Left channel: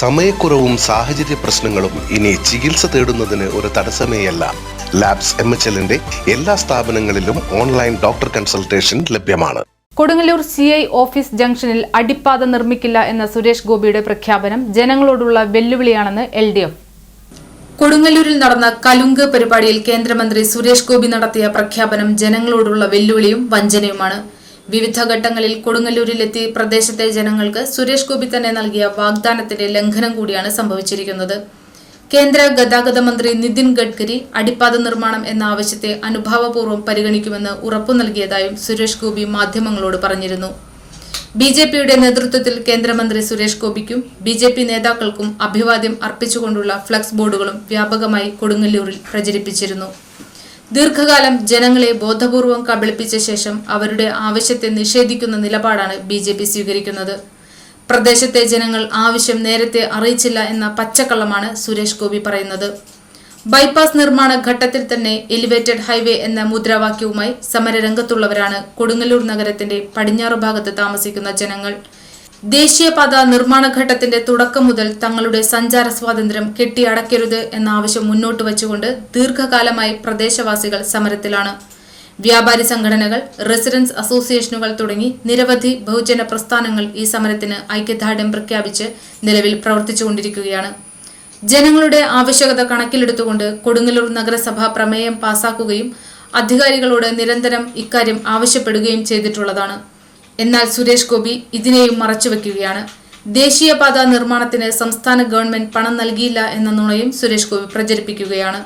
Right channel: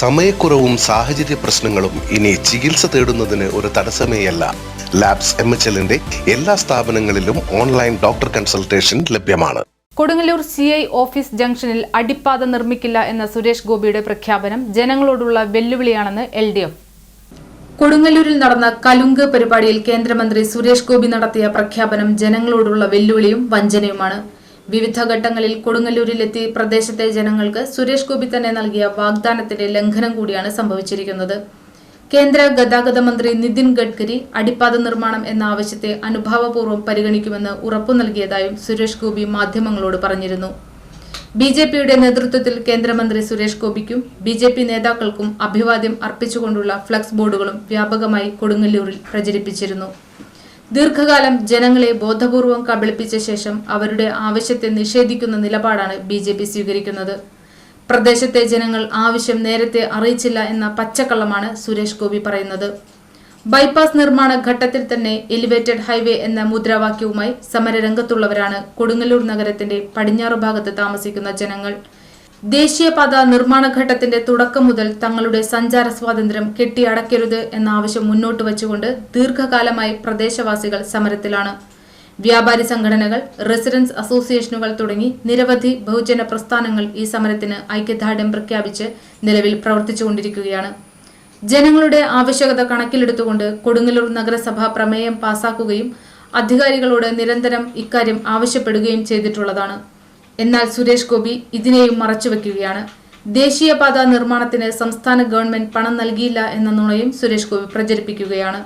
സമയക്കുറവും സാഹചര്യ പ്രശ്നങ്ങളും ഇനി ചികിത്സ തേടുന്നതിന് ഒരു തടസ്സമേയല്ല. ലാബ്സ് എം എച്ച് എല്ലിന്റെ എല്ലാ സ്ഥാപനങ്ങളിലും ഓൺലൈൻ ഡോക്ടർ കൺസൾട്ടേഷൻ ലഭ്യമാണ്. കൊടുങ്ങല്ലൂർ സി ഐ ഓഫീസ് ജംഗ്ഷനിൽ അടിപ്പാത നിർമ്മിക്കില്ല എന്ന സുരേഷ് ഗോപിയുടെ പ്രഖ്യാപനം ജനങ്ങളോടുള്ള വെല്ലുവിളിയാണെന്ന് എൽ ഡി എഫ്. കൊടുങ്ങല്ലൂരിൽ നടന്ന കലുങ്ക് പരിപാടിയിൽ കേന്ദ്രമന്ത്രി സുരേഷ് ഗോപി നടത്തിയ പ്രഖ്യാപനം ജനങ്ങളോടുള്ള വെല്ലുവിളിയും വഞ്ചനയുമാണ്. വിവിധ ഘട്ടങ്ങളിൽ കൊടുങ്ങല്ലൂരിലെത്തി പ്രദേശത്തെ ജനങ്ങൾക്ക് സുരേഷ് ഗോപി തന്നെ നൽകിയ വാഗ്ദാനത്തിന്റെ ലംഘനം കൂടിയാണ് സംഭവിച്ചിരിക്കുന്നത്. കേന്ദ്ര ഗതാഗത മന്ത്രി നിതിൻ ഗഡ്കരി അടിപ്പാത നിർമ്മാണം എന്ന ആവശ്യത്തെ അനുഭാവപൂർവം പരിഗണിക്കുമെന്ന് ഉറപ്പു നൽകിയതായും സുരേഷ് ഗോപി മാധ്യമങ്ങളോട് പറഞ്ഞിരുന്നു. ബി ജെ പിയുടെ നേതൃത്വത്തിൽ കേന്ദ്രമന്ത്രി സുരേഷ് ഗോപിക്കും ബി ജെ പി നേതാക്കൾക്കും അഭിവാദ്യം അർപ്പിച്ചുകൊണ്ടുള്ള ഫ്ലക്സ് ബോർഡുകളും വ്യാപകമായി കൊടുങ്ങല്ലൂരിൽ പ്രചരിപ്പിച്ചിരുന്നു. ദീർഘകാലം ജനങ്ങളെ ബോധപൂർവം കബളിപ്പിച്ച ശേഷം അവരുടെ ആവശ്യത്തെ നിഷേധിക്കുന്ന നിലപാടാണ് ബി ജെ പി സ്വീകരിക്കുന്നത്. പ്രദേശത്തെ ജനങ്ങൾ ആവശ്യം നേരത്തെ അറിയിച്ചില്ല എന്ന പച്ചക്കള്ളമാണ് സുരേഷ് ഗോപി പറയുന്നത്. ബൈപ്പാസ് നിർമ്മാണ ഘട്ടത്തിൽ തന്നെ എലിവേറ്റഡ് ഹൈവേ എന്ന മുദ്രാവാക്യവുമായി സമരരംഗത്തുള്ളവരാണ് കൊടുങ്ങല്ലൂർ നഗരത്തിന്റെ പടിഞ്ഞാറ് ഭാഗത്ത് താമസിക്കുന്ന ജനങ്ങൾ. ദേശീയപാത നിർമ്മാണ ഘട്ടത്തിന്റെ തുടക്കം മുതൽ തങ്ങളുടെ സഞ്ചാര സ്വാതന്ത്ര്യം കെട്ടിയടക്കരുത് എന്ന ആവശ്യം മുന്നോട്ട് വച്ചുകൊണ്ട് ദീർഘകാലമായി പ്രദേശവാസികൾ സമരത്തിലാണ്. വ്യാപാരി സംഘടനകൾ റെസിഡൻസ് അസോസിയേഷനുകൾ തുടങ്ങി നിരവധി ബഹുജന പ്രസ്ഥാനങ്ങൾ ഈ സമരത്തിന് ഐക്യദാർഢ്യം പ്രഖ്യാപിച്ച് നിലവിൽ പ്രവർത്തിച്ചുകൊണ്ടിരിക്കുകയാണ്. ജനങ്ങളുടെ ആവശ്യകത കണക്കിലെടുത്തുകൊണ്ട് കൊടുങ്ങല്ലൂർ നഗരസഭ പ്രമേയം പാസാക്കുകയും അധികാരികളോട് നിരന്തരം ഇക്കാര്യം ആവശ്യപ്പെടുകയും ചെയ്തിട്ടുള്ളതാണ്. എന്നാൽ സുരേഷ് ഗോപി ഇതിനെയും മറച്ചുവെക്കുകയാണ്. ദേശീയപാത നിർമ്മാണത്തിന് സംസ്ഥാന ഗവൺമെന്റ് പണം നൽകിയില്ല എന്ന നുണയും സുരേഷ് ഗോപി പ്രചരിപ്പിക്കുകയാണ്.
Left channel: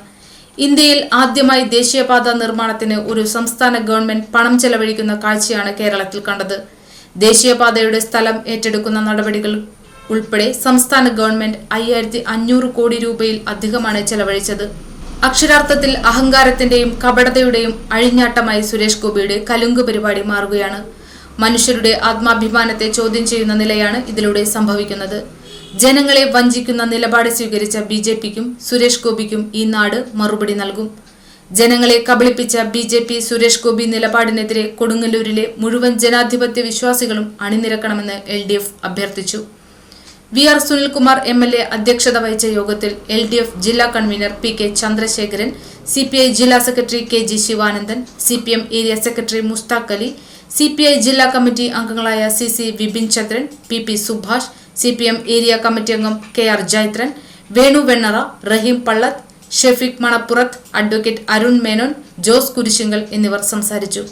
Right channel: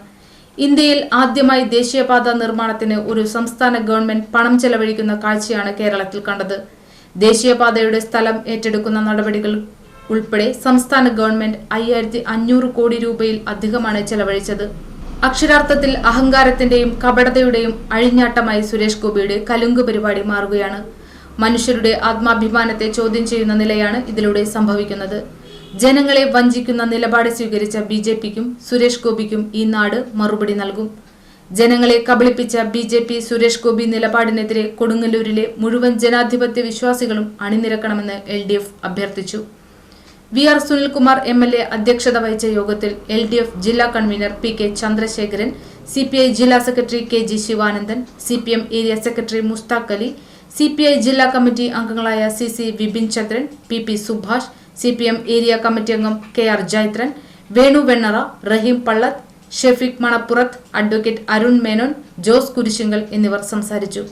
ഇന്ത്യയിൽ ആദ്യമായി ദേശീയപാത നിർമ്മാണത്തിന് ഒരു സംസ്ഥാന ഗവൺമെന്റ് പണം ചെലവഴിക്കുന്ന കാഴ്ചയാണ് കേരളത്തിൽ കണ്ടത്. ദേശീയപാതയുടെ സ്ഥലം ഏറ്റെടുക്കുന്ന നടപടികൾ ഉൾപ്പെടെ സംസ്ഥാന ഗവൺമെന്റ് അയ്യായിരത്തി അഞ്ഞൂറ് കോടി രൂപയിൽ അധികമാണ് ചെലവഴിച്ചത്. അക്ഷരാർത്ഥത്തിൽ അഹങ്കാരത്തിന്റെയും കപടതയുടെയും അഴിഞ്ഞാട്ടമായി സുരേഷ് ഗോപിയുടെ കലുങ്ക് പരിപാടി മാറുകയാണ്. മനുഷ്യരുടെ ആത്മാഭിമാനത്തെ ചോദ്യം ചെയ്യുന്ന നിലയാണ് ഇതിലൂടെ സംഭവിക്കുന്നത്. ജനങ്ങളെ വഞ്ചിക്കുന്ന നിലപാട് സ്വീകരിച്ച ബി ജെ പിക്കും സുരേഷ് ഗോപിക്കും ഈ നാട് മറുപടി നൽകും. ജനങ്ങളെ കബളിപ്പിച്ച B J P Suresh Gopi നിലപാടിനെതിരെ കൊടുങ്ങല്ലൂരിലെ മുഴുവൻ ജനാധിപത്യ വിശ്വാസികളും അണിനിരക്കണമെന്ന് എൽ ഡി എഫ് അഭ്യർത്ഥിച്ചു. V R Sunilkumar M L A അധ്യക്ഷത വഹിച്ച യോഗത്തിൽ എൽ ഡി എഫ് ജില്ലാ convener P K Chandrasekharan C P I ജില്ലാ secretary K G Sivanandan C P M area secretary Musthaq Ali C P I ജില്ലാ committee അംഗങ്ങളായ C C Vipin Chandran P P Subhash C P M area committee അംഗം K R Jaithran Venu Vennara Raheem Pallath Shefeeq Manappurath advocate Arun Menon Jose Kurisinkal എന്നിവർ സംസാരിച്ചു.